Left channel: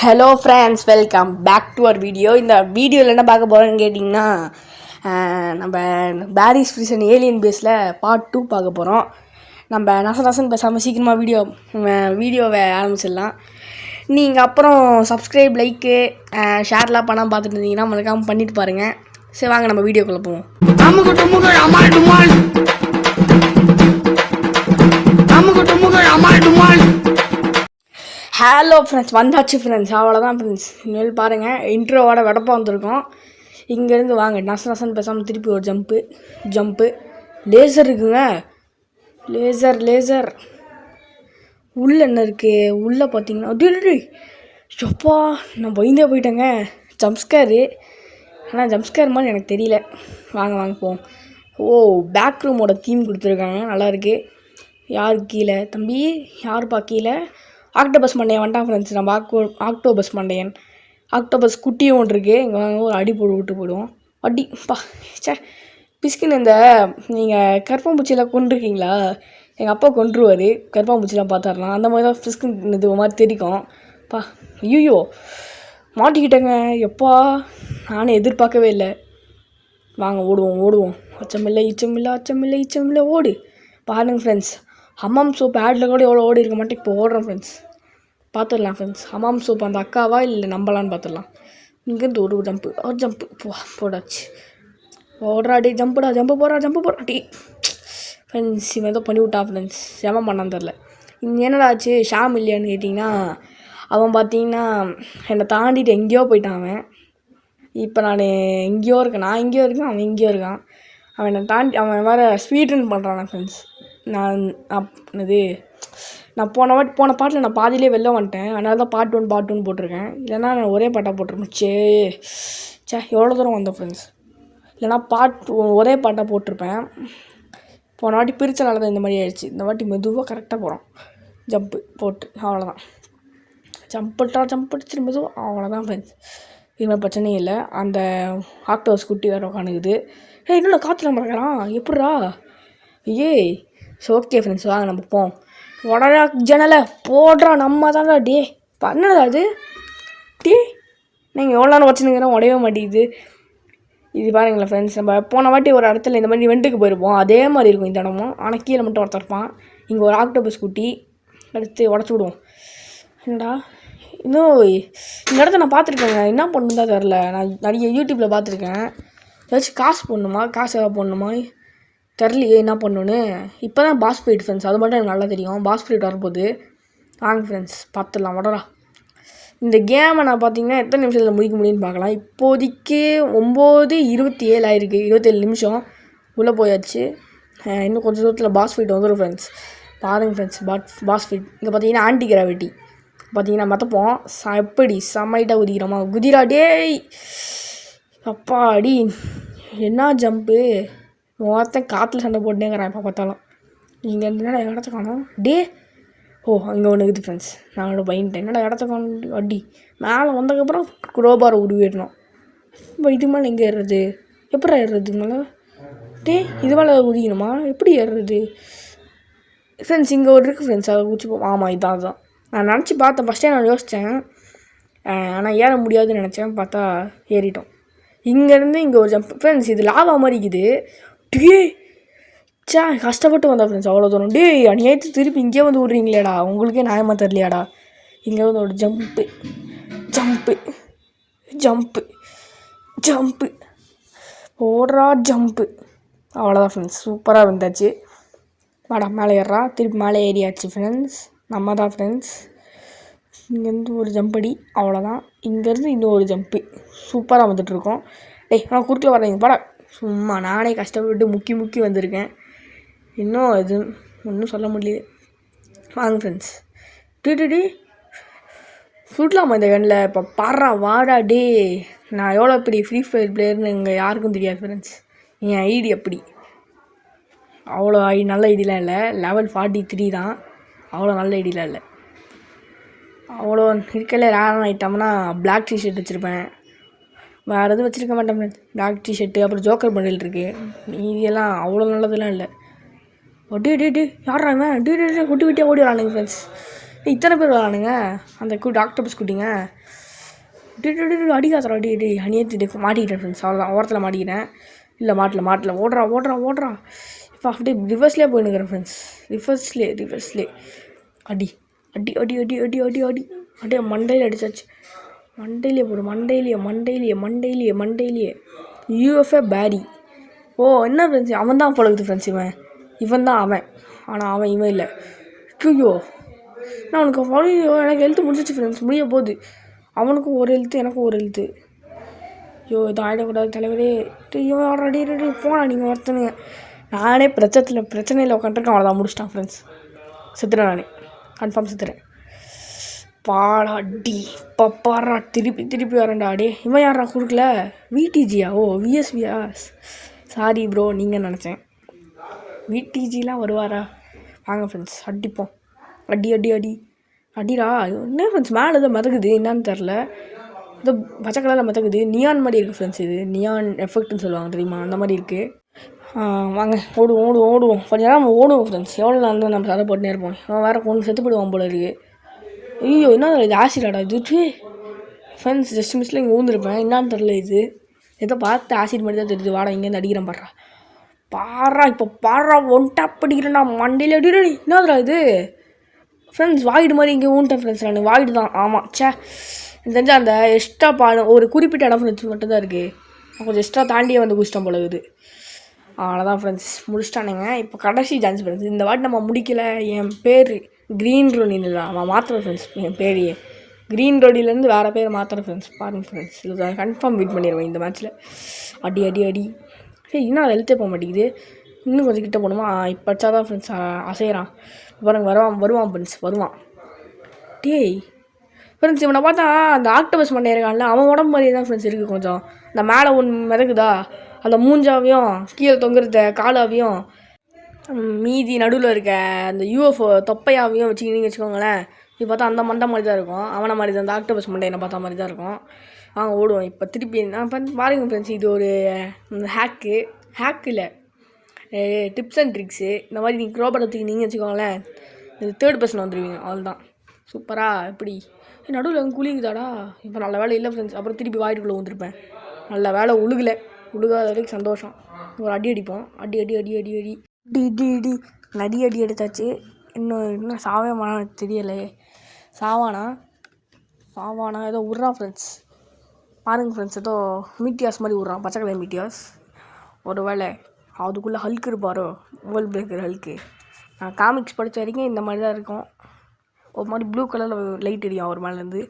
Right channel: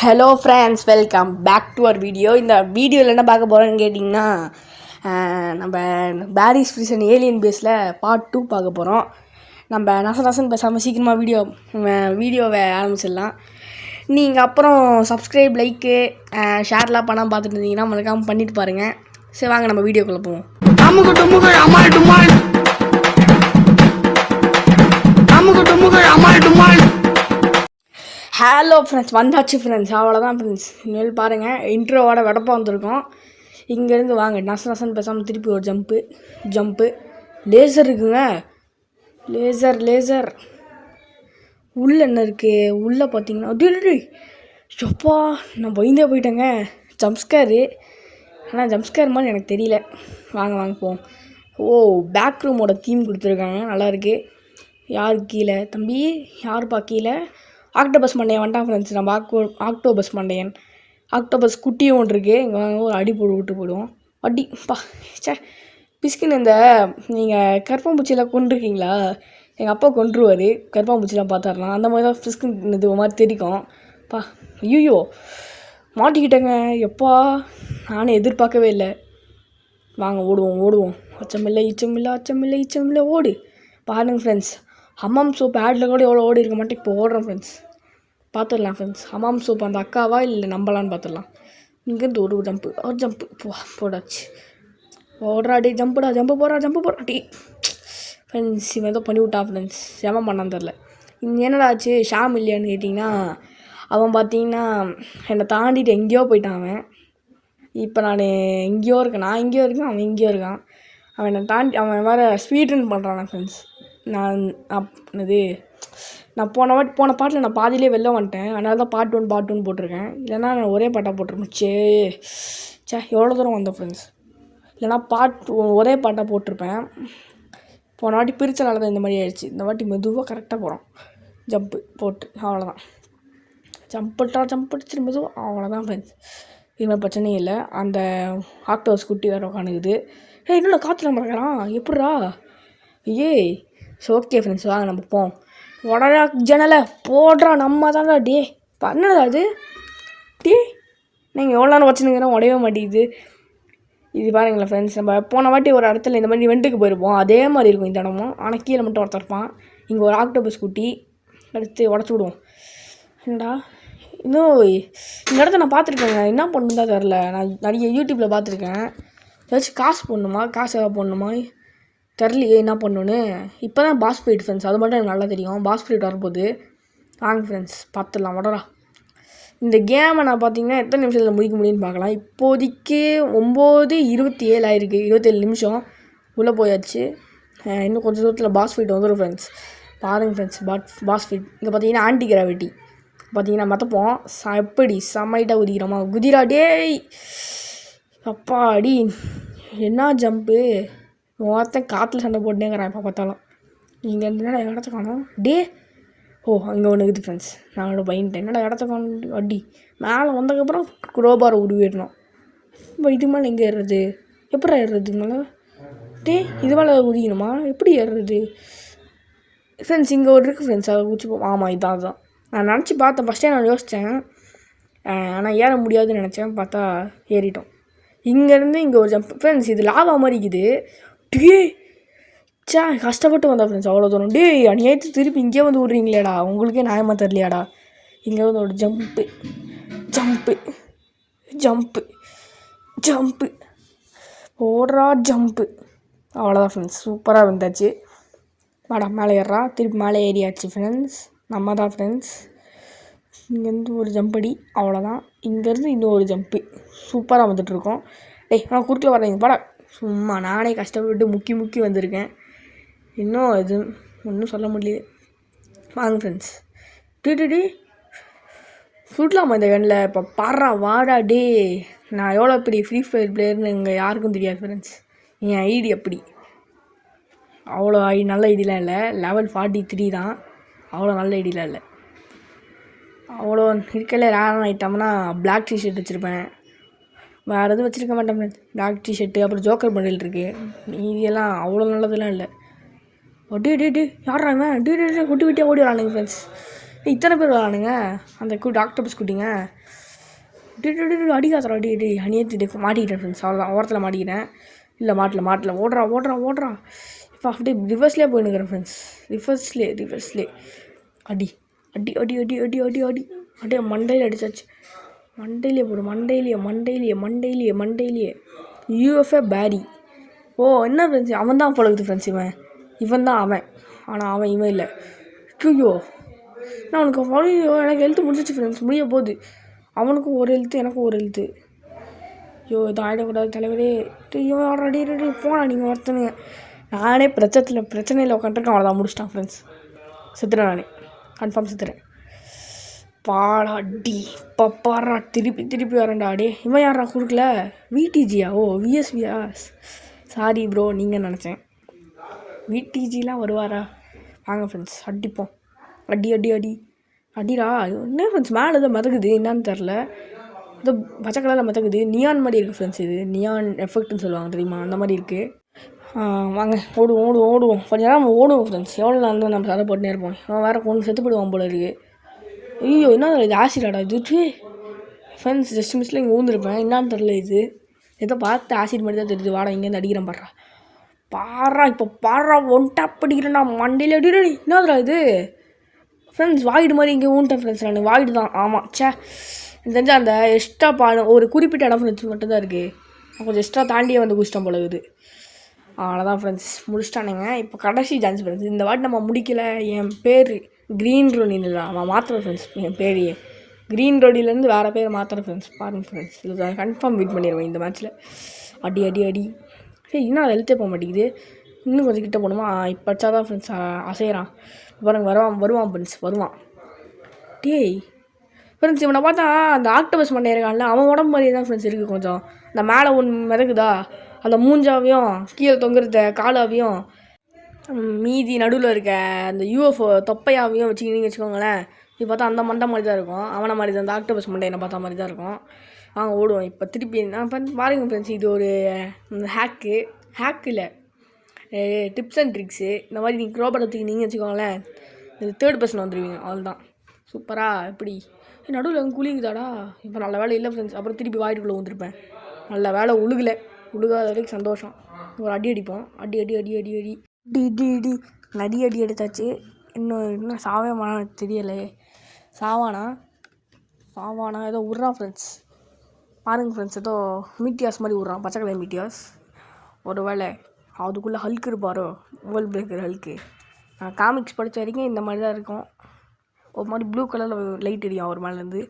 Hello friends, welcome back to our video. இந்த வீடியோவில் என்ன பார்க்க போகிறோன்னு கேட்டிங்கன்னா, நம்ம பாரிஸ் பிரிசன் ஏலியன் பேஸில் பார்ட் 2 பார்க்க போகிறோம். நம்ம நசன் பேசாமல் சீக்கிரமாக வீடியோவை ஆரம்பிச்சிடலாம். நீங்கள் அப்புறம் சப்ஸ்கிரைப், லைக்கு, ஷேர்லாம் பண்ணாமல் பார்த்துட்டு இருந்தீங்கன்னா மறக்காமல் பண்ணிட்டு பாருங்கள். சரி, வாங்க நம்ம வீடியோக்குள்ளே போவோம். ஹலோ ஃப்ரெண்ட்ஸ், வந்தாச்சு ஃப்ரெண்ட்ஸ், அவ்வளோதான் ஃப்ரெண்ட்ஸ். இனிமேல் பாருங்கள், இன்ட்ரோவோட வெடப்பா வந்திருக்கோம். இங்கேருந்து வாங்க நசன் பேசாமல் திருப்பி ஒரு ஜம்ப்பு. லேசர் இருக்குங்க, லேசர் உள்ளே என்ன இருக்குது? உள்ளே பார்த்தீங்கன்னா எப்பா, நான் பயந்தே போயிட்டேங்க. ஜம்ப்ஸ்கேரு, ஆனால் ஜம்ப்ஸ்கேர் மாதிரி எனக்கு தெரியல. வாங்க போவோம். பேக் ரூமோட தீம் கொடுத்துருக்காங்க, நல்லாயிருக்கு. யார் கீழே தம்பி? யாருப்பா கீழே? ஆக்டோபஸ் மண்டையன் வந்துட்டான் ஃப்ரெண்ட்ஸ். நம்ம ஆக்டோபஸ் மண்டையன், ஆக்டோபஸ் குட்டியும் ஒன்று இருக்குது. இங்கே வாங்க ஒரு அடி விட்டு போயிடுவோம். அடிப்பா பிஸ்கின். இந்த நீங்கள் கருப்பாம்பூச்சியெல்லாம் கொண்டிருக்கீங்களா? எங்கள் அப்பா கொண்டுருவார், கருப்பாம்பூச்சிலாம் பார்த்தாருலாம். அந்த மாதிரி தான் பிஸ்கின் இது மாதிரி தெரிக்கும். ஐயோ மாட்டிக்கிட்டேங்க. எப்பா, நானும் எதிர்பார்க்கவே இல்லை. வாங்க ஓடுவோம். அச்சமில்லை ஓடு. பாருங்கள் ஃப்ரெண்ட்ஸ், ஹமாம் சோப் ஆடில் கூட எவ்வளோ ஓடி இருக்க மாட்டேன். இப்போ ஓடுறோம் ஃப்ரெண்ட்ஸ், பார்த்துடலாம் ஃப்ரெண்ட்ஸ். ஹமாம் சோப் அந்த அக்காவா இல்லை நம்பலான்னு பார்த்துடலாம். இங்கேருந்து ஒரு ஜம்ப்பு போடாச்சு. ஓடுறாடி, ஜம்ப்பு போடுறாடி ஃப்ரெண்ட்ஸ். இவன் ஏதோ பண்ணி விட்டான் ஃப்ரெண்ட்ஸ், செம பண்ணான்னு தெரில. என்னடா ஆச்சு? ஷாம் இல்லையான்னு கேட்டிங்கன்னா, அவன் பார்த்தீங்கன்னா என்னை தாண்டிட்டு எங்கேயோ போயிட்டான். அவன் இப்போ நான் எங்கேயோ இருக்கேன், அவன் எங்கேயோ இருக்கான். அவன் என்னை தாண்டி அவன் வேறு ஸ்பீட் ரன் பண்ணுறான் ஃப்ரெண்ட்ஸ். நான் போன பாட்டில் நான் பாதியிலே வெளில வந்துட்டேன். அதனால தான் பார்ட் 1 போட்டிருக்கேன். இல்லைனா நான் ஒரே பாட்டாக போட்டிருப்பேன். எவ்வளோ தூரம் வந்தோம் ஃப்ரெண்ட்ஸ். இல்லைனா ஒரே பாட்டாக போட்டிருப்பேன். போன வாட்டி பிரித்தனால தான் இந்த மாதிரி ஆயிடுச்சு. இந்த வாட்டி மெதுவாக கரெக்டாக போகிறோம். ஜம்ப்பு போட்டு அவ்வளோதான். ஜம்ப் மெதுவாக அவ்வளோதான் ஃப்ரெண்ட்ஸ். இதுமாதிரி பிரச்சனையும் இல்லை. அந்த ஆக்டோஸ் குட்டி வேறு உட்காந்துக்குது. இன்னும் காற்றுல மறக்கிறான் எப்பட்றா? ஓகே ஃப்ரெண்ட்ஸ், வாங்க நம்ம போவோம். உடனே ஜன்னலை போடுறா, நம்ம தான்டா. பண்ணடா அது. நீங்கள் எவ்வளோ நேரம் வச்சுருக்கிறோம், உடையவே மாட்டேங்குது. இது பாருங்களேன் ஃப்ரெண்ட்ஸ், நம்ம போன வாட்டி ஒரு இடத்துல இந்த மாதிரி வெண்ட்டுக்கு போயிருப்போம். அதே மாதிரி இருக்கும் இந்த இடமும். ஆனால் கீழே மட்டும் ஒருத்தர் இருப்பான். இங்கே ஒரு ஆக்டோபஸ் குட்டி எடுத்து உடச்சி விடுவோம். என்னடா இன்னும் இந்த இடத்த நான் பார்த்துருக்கேங்க. என்ன பண்ணுன்னு தான் தெரில. நான் நிறைய யூடியூப்பில் பார்த்துருக்கேன். ஏதாச்சும் காசு எதாவது போடணுமா தெரிலையே என்ன பண்ணணுன்னு. இப்போ தான் பாஸ் ஃபைட் ஃப்ரெண்ட்ஸ், அது மட்டும் எனக்கு நல்லா தெரியும். பாஸ் ஃபைட் வரும்போது வாங்க ஃப்ரெண்ட்ஸ் பார்த்துடலாம். வடரா, இந்த கேமை நான் பார்த்தீங்கன்னா எத்தனை நிமிஷத்தில் முடிக்க முடியும்னு பார்க்கலாம். இப்போதைக்கு 9:27 ஆயிருக்கு. 27 நிமிஷம் உள்ளே போயாச்சு. இன்னும் கொஞ்சம் தூரத்தில் பாஸ் ஃபைட் வந்துடும் ஃப்ரெண்ட்ஸ். பாருங்கள் ஃப்ரெண்ட்ஸ், பாஸ் ஃபைட். இங்கே பார்த்தீங்கன்னா ஆன்டி கிராவிட்டி பார்த்தீங்கன்னா மற்றப்போம் எப்படி செம்மைட்டாக குதிக்கிறோமா? குதிரா அப்பா அடி, என்ன ஜம்ப்பு. ஒருத்தன் காற்றுல சண்டை போட்டுனேங்கிறான் எப்போ பார்த்தாலும். இங்கே என்னடா இடத்த காணும்? அங்கே ஒன்று இருக்குது ஃப்ரெண்ட்ஸ். நான் ஒன்று பயந்துட்டேன். என்னடா இடத்த காணும்? அடி மேலே வந்ததுக்கப்புறம் குரோபாரை உருவிடணும். இப்போ இது மேலே எங்கே ஏறுறது? எப்படா ஏறுறது மேலே? இது மேலே குதிக்கணுமா? எப்படி ஏறுறது ஃப்ரெண்ட்ஸ்? இங்கே ஒரு இருக்குது ஃப்ரெண்ட்ஸ், அதை குச்சி ஆமாம் இதுதான். நான் நினச்சி பார்த்தேன். ஃபஸ்ட்டே நான் யோசித்தேன், ஆனால் ஏற முடியாதுன்னு நினச்சேன். பார்த்தா ஏறிட்டோம். இங்கேருந்து இங்கே ஒரு ஜம்ப் ஃப்ரெண்ட்ஸ். இது லாவா மாதிரி இருக்குது. கஷ்டப்பட்டு வந்தா ஃப்ரெண்ட்ஸ் அவ்வளோ தூரம். அநியாயத்து திருப்பி இங்கே வந்து விட்றீங்களேடா, உங்களுக்கே நியாயமாக தெரியலையாடா. இங்கே வந்து ஒரு ஜம்ப்பு ஓடுறா, ஜம்ப்பு அவ்வளோதான் ஃப்ரெண்ட்ஸ். சூப்பராக இருந்தாச்சு. வாடா மேலே ஏறா. திருப்பி மேலே ஏறியாச்சு ஃப்ரெண்ட்ஸ். நம்ம தான் ஃப்ரெண்ட்ஸ். இங்கேருந்து ஒரு ஜம்படி அவ்வளோதான். இங்கேருந்து இன்னும் ஒரு ஜம்ப்பு. சூப்பராக வந்துட்டுருக்கோம். நான் குறுக்கில் வரேங்க வாடா. சும்மா நானே கஷ்டப்பட்டு முக்கி வந்திருக்கேன். இன்னும் இது ஒன்றும் சொல்ல முடியல. வாங்க ஃப்ரெண்ட்ஸ். சுடலாமா இந்த கண்ணில்? இப்போ பாடுறா வாடா. நான் எவ்வளோ பெரிய ஃப்ரீ ஃபயர் பிளேயர்னு இங்கே யாருக்கும் தெரியாது ஃப்ரெண்ட்ஸ். என் ஐடி அப்படி அவ்வளோ நல்ல ஐடியெலாம் இல்லை. லெவல் 43 தான். அவ்வளோ நல்ல ஐடியெலாம் இல்லை. அவ்வளோ இருக்கல. ரேரான ஐட்டம்னா பிளாக் டிஷர்ட் வச்சுருப்பேன், வேறு எதுவும் வச்சுருக்க மாட்டேன் ஃப்ரெண்ட்ஸ். பிளாக் டிஷர்ட்டு, அப்புறம் ஜோக்கர் பண்டில் இருக்குது. இதெல்லாம் அவ்வளோ நல்லதெல்லாம் இல்லை. யாரா இவன்? விட்டியாக ஓடிடுறானுங்க ஃப்ரெண்ட்ஸ். இத்தனை பேர் வரானுங்க அந்த டாக்டர் ஸ்கூட்டிங்க. அடிக்காதரா அடி அணியத்திட்டு மாட்டிக்கிட்டேன் ஃப்ரெண்ட்ஸ். அவ்வளோதான், ஓரத்தில் மாட்டிக்கிட்டேன். இல்லை மாட்டல ஓடுறான். இப்போ அப்படியே ரிவர்ஸ்லேயே போயினுக்கிறேன் ஃப்ரெண்ட்ஸ். ரிவர்ஸ்லே அடி அப்படியே மண்டையில் அடிச்சாச்சு. மண்டையிலே போடு, மண்டையிலேயே யூஎஃப்ஏ பேரி. ஓ என்ன ஃப்ரெண்ட்ஸ், அவன் தான் பழகுது ஃப்ரெண்ட்ஸ். இவன் தான் அவன், ஆனால் அவன் இவன் இல்லை. ஐயோ நான் அவனுக்கு எனக்கு ஹெல்த்து முடிச்சிச்சு ஃப்ரெண்ட்ஸ். முடிய போகுது. அவனுக்கும் ஒரு ஹெல்த்து, எனக்கும் ஒரு ஹெல்த்து. ஐயோ இதை ஆகிடக்கூடாது தலைவரே. ஐயோ ரெடி போனா நீங்கள் ஒருத்தனுங்க. நானே பிரச்சனையில் உட்காந்துருக்கேன். அவ்வளோதான், முடிச்சிட்டான் ஃப்ரெண்ட்ஸ். செத்துறேன், நானே கன்ஃபார்ம் செத்துறேன். பாடா டி பப்பாரா திருப்பி வரேன்டா. அடே இவன் யாரா கொடுக்கல? விடிஜியா? ஓ விஎஸ்வியா? சாரி ப்ரோ, நீங்கள் நினச்சேன். விடிஜிலாம் வருவாரா? வாங்க ஃப்ரெண்ட்ஸ் அடிப்போம். அடிடா. என்ன ஃப்ரெண்ட்ஸ் மேலே ஏதோ மிதக்குது, என்னான்னு தெரில. ஏதோ பச்சை கலரில் மிதக்குது. நியான் மாதிரி இருக்குது ஃப்ரெண்ட்ஸ். இது நியான் எஃபெக்ட்னு சொல்லுவாங்க தெரியுமா, அந்த மாதிரி இருக்குது. வாங்க ஓடுவோம். கொஞ்சம் நேரம் ஓடுவோம் ஃப்ரெண்ட்ஸ். எவ்வளோ நாள் தான் நம்ம சதை போட்டுனே இருப்போம். அவன் வேறு கொண்டு செத்து போடுவான் போல இருக்குது. ஐயோ என்ன இது, ஆசிடாடா இது ஃப்ரெண்ட்ஸ். ஜஸ்ட் மிஸ்ல இங்கே ஊந்துருப்பேன், என்னான்னு தெரில. இது ஏதோ பார்த்து ஆசிட் மாதிரி தான் தெரியுது. வாடா இங்கேருந்து அடிக்கிறேன் பாடுறா. இப்போ ஒன் டேப் அடிக்கிறேன்டா மண்டையில். அடி என்னதுடா இது ஃப்ரெண்ட்ஸ்? வாய்டு மாதிரி இங்கே ஊன்ட்டேன் ஃப்ரெண்ட்ஸ். நான் வாய்டு தான், ஆமாம். தெரிஞ்சால் அந்த எக்ஸ்ட்ரா ஒரு குறிப்பிட்ட இடம் ஃப்ரெண்ட்ஸ் மட்டும்தான் இருக்குது. கொஞ்சம் எக்ஸ்ட்ரா தாண்டியே வந்து குடிச்சிட்டோம் போல இருக்குது. அவ்வளோதான் ஃப்ரெண்ட்ஸ், முடிச்சிட்டானுங்க. இப்போ கடைசி சான்ஸ் ஃப்ரெண்ட்ஸ். இந்த வாட்டி நம்ம முடிக்கல. என் பேர் க்ரீன் ரோடின் இல்லை, அவன் மாத்திரம் ஃப்ரெண்ட்ஸ். என் பேரையே க்ரீன் ரோடிலேருந்து வேறு பேர் மாத்திரம் ஃப்ரெண்ட்ஸ். பாருங்கள் ஃப்ரெண்ட்ஸ், இது கன்ஃபார்ம் வின் பண்ணிடுவேன் இந்த மேட்ச்சில். அடி சரி, இன்னும் அதை எழுத்தே போக மாட்டேங்குது. இன்னும் கொஞ்சம் கிட்ட போகணுமா? இப்போ வச்சாதான் ஃப்ரெண்ட்ஸ் அசைகிறான். பாருங்க வருவான் ஃப்ரெண்ட்ஸ், வருவான். டேய் ஃப்ரெண்ட்ஸ், இவனை பார்த்தா அந்த ஆக்டோபஸ் மண்டை இருக்கான்ல, அவன் உடம்பு மாதிரி தான் ஃப்ரெண்ட்ஸ் இருக்குது. கொஞ்சம் இந்த மேலே ஒன்று மிதக்குதா, அந்த மூஞ்சாவையும் கீழே தொங்குறத காலாவையும் மீதி நடுவில் இருக்க அந்த யூஎஃப்ஓ தொப்பையாவையும் வச்சுக்கோங்களேன். இப்போ பார்த்தா அந்த மண்டை மாதிரி தான் இருக்கும். அவனை மாதிரி தான், அந்த ஆக்டோபஸ் மண்டை என்ன பார்த்தா மாதிரி தான் இருக்கும். ஓடுவோம். இப்போ திருப்பி நான் பாருங்க ஃப்ரெண்ட்ஸ், இது ஒரு ஹேக்கு இல்லை, டிப்ஸ் அண்ட் ட்ரிக்ஸு. இந்த மாதிரி நீங்கள் க்ரோபடத்துக்கு நீங்கள் வச்சுக்கோங்களேன், இது 3rd பர்சன் வந்துடுவீங்க. அவ்வளோதான், சூப்பராக. எப்படி நடுவில் அங்கே குளிக்குதாடா. இப்போ நல்ல வேலை இல்லை ஃப்ரெண்ட்ஸ். அப்புறம் திருப்பி வாய்ட்டுக்குள்ளே வந்துருப்பேன். நல்ல வேலை உழுகாத வரைக்கும் சந்தோஷம். ஒரு அடி அடிப்போம். அடி நிறைய அடி எடுத்தாச்சு. இன்னும் சாவே தெரியலை. சாவானா ஏதோ விட்றான் ஃப்ரெண்ட்ஸ். பாருங்கள் ஃப்ரெண்ட்ஸ், ஏதோ மீட்டியாஸ் மாதிரி விட்றான், பச்சை கலர் மீட்டியாஸ். ஒரு வேளை அதுக்குள்ளே ஹல்க் இருப்பாரோ, வேர்ல்ட் பிரேக்கர் ஹல்க்கு. நான் காமிக்ஸ் படித்த வரைக்கும் இந்த மாதிரி தான் இருக்கும். ஒரு மாதிரி ப்ளூ கலரில் லைட் அடியும் அவர் மேலேருந்து.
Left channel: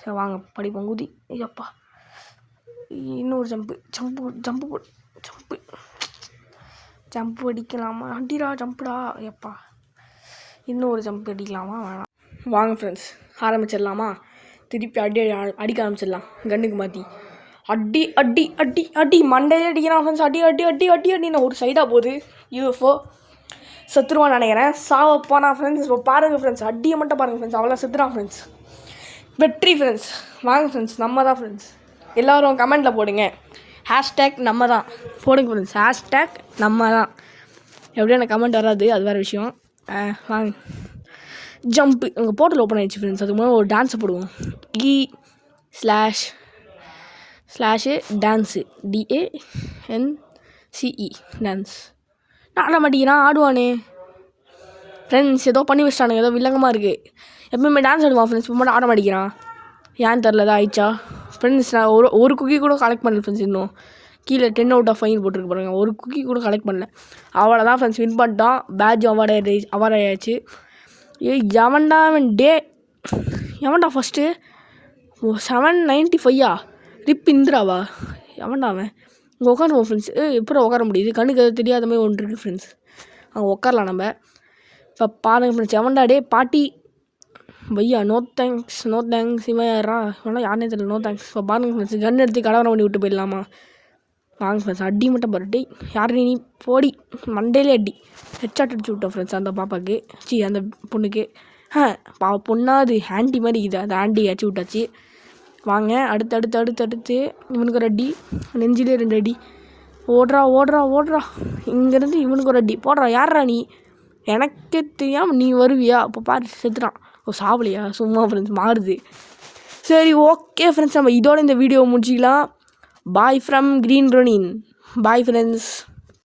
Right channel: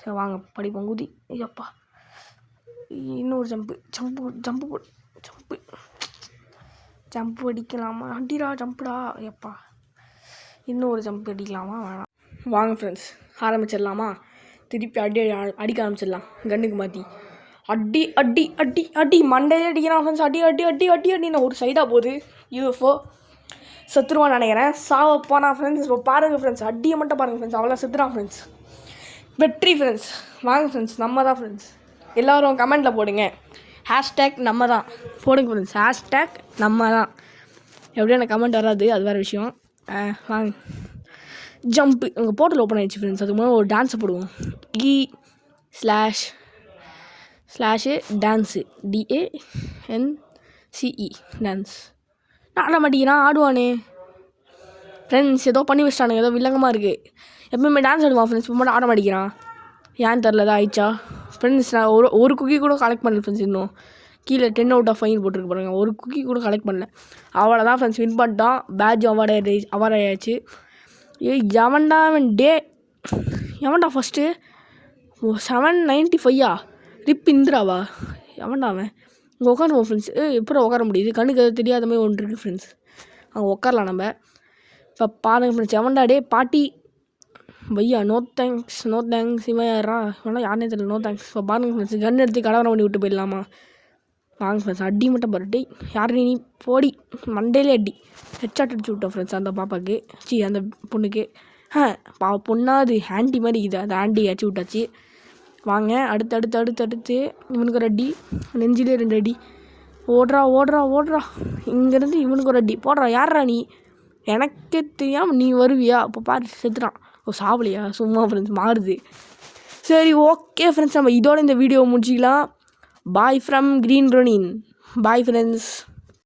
சரி வாங்க படிப்போம். குதி. ஐயப்பா, இன்னொரு ஜம்ப்பு அடிக்கலாமா? அடிடா ஜம்ப்புடா. ஐயப்பா, இன்னொரு ஜம்ப் அடிக்கலாமா? வேணாம். வாங்க ஃப்ரெண்ட்ஸ் ஆரம்பிச்சிடலாமா? திருப்பி அடிக்க ஆரம்பிச்சிடலாம். கண்ணுக்கு மாற்றி அடி மண்டையிலே அடிக்கிறான் ஃப்ரெண்ட்ஸ். அடி நான் ஒரு சைடாக போகுது. யூஎஃப்ஓ செத்துருவான்னு நினைக்கிறேன். சாவப்பானா ஃப்ரெண்ட்ஸ். இப்போ பாருங்கள் ஃப்ரெண்ட்ஸ், அடியை மட்டும் பாருங்கள் ஃப்ரெண்ட்ஸ். அவ்வளோ செத்துறான் ஃப்ரெண்ட்ஸ். வெற்றி ஃப்ரெண்ட்ஸ். வாங்க ஃப்ரெண்ட்ஸ், நம்ம தான் ஃப்ரெண்ட்ஸ். எல்லோரும் கமெண்ட்டில் போடுங்க, ஹேஷ்டேக் நம்ம தான் போடுங்க ஃப்ரெண்ட்ஸ். ஹேஷ்டேக் நம்ம தான். எப்படியும் எனக்கு கமெண்ட் வராது, அது வேறு விஷயம். வாங்க ஜம்ப்பு. உங்கள் போர்ட்டல் ஓப்பன் ஆகிடுச்சு ஃப்ரெண்ட்ஸ். அதுக்கு முன்னாடி ஒரு டான்ஸை போடுவோம். // டான்ஸு DANCE டான்ஸ். ஆட மாட்டேங்கிறான், ஆடுவானே ஃப்ரெண்ட்ஸ். ஏதோ பண்ணி வச்சிட்டானுங்க, ஏதோ வில்லங்கமாக இருக்குது. எப்பவுமே டான்ஸ் ஆடுவான் ஃப்ரெண்ட்ஸ், இப்போ மட்டும் ஆட மாட்டேங்கிறான். ஏன்னு தெரில, தான் ஆயிடுச்சா ஃப்ரெண்ட்ஸ். நான் ஒரு குக்கி கூட கலெக்ட் பண்ணல ஃப்ரெண்ட்ஸ். இன்னும் கீழே 10 out of 5 போட்டிருக்கு பாருங்க. ஒரு குக்கி கூட கலெக்ட் பண்ணல. அவ்வளோதான் ஃப்ரெண்ட்ஸ், வின் பண்ணிட்டான். பேட்ச் அவார்ட் ஆயாச்சு. எவன்டா ஃபஸ்ட்டு 795 ரிப் இந்திராவா? எவன்டா அவன்? இங்கே உட்காருவோம் ஃப்ரெண்ட்ஸ். எப்படி உட்கார முடியுது? கண்ணுக்கு அது தெரியாத மாதிரி ஒன்று இருக்குது ஃப்ரெண்ட்ஸ். அங்கே உட்காரலாம் நம்ம. இப்போ பாருங்க ஃப்ரெண்ட்ஸ், எவன்டா பாட்டி பையா? நோ தேங்க்ஸ் இவன் யாரா? இவனா யாருனே தெரியல. No thanks. இப்போ பாருங்க ஃப்ரெண்ட்ஸ், கன் எடுத்து கலவரம் பண்ணி விட்டு போயிடலாமா? வாங்க ஃப்ரெண்ட்ஸ், அடி மட்டும் பாருட்டி. யார் நீ? போடி மண்டையிலே அடி. ஹெட்ஷாட் அடிச்சு விட்டோம் ஃப்ரெண்ட்ஸ் அந்த பாப்பாவுக்கு. அந்த பொண்ணுக்கு. பொண்ணா அது ஆண்டி மாதிரி இது. அந்த ஆண்டி அடிச்சு விட்டாச்சு. வாங்க அடுத்து இவனுக்கு ஒரு அடி. நெஞ்சிலே 2 அடி. ஓடுறா. இங்கேருந்து இவனுக்கு ஒரு அடி போடுறா. யாரா நீ? எனக்கே தெரியாமல் நீ வருவியா? அப்போ பாரு, செத்துறான். சாவலியா சும்மா ஃப்ரெண்ட்ஸ் மாறுது. சரி ஓகே ஃப்ரெண்ட்ஸ், நம்ம இதோட இந்த வீடியோ முடிச்சிக்கலாம். Bye from Green Ronin. Bye friends.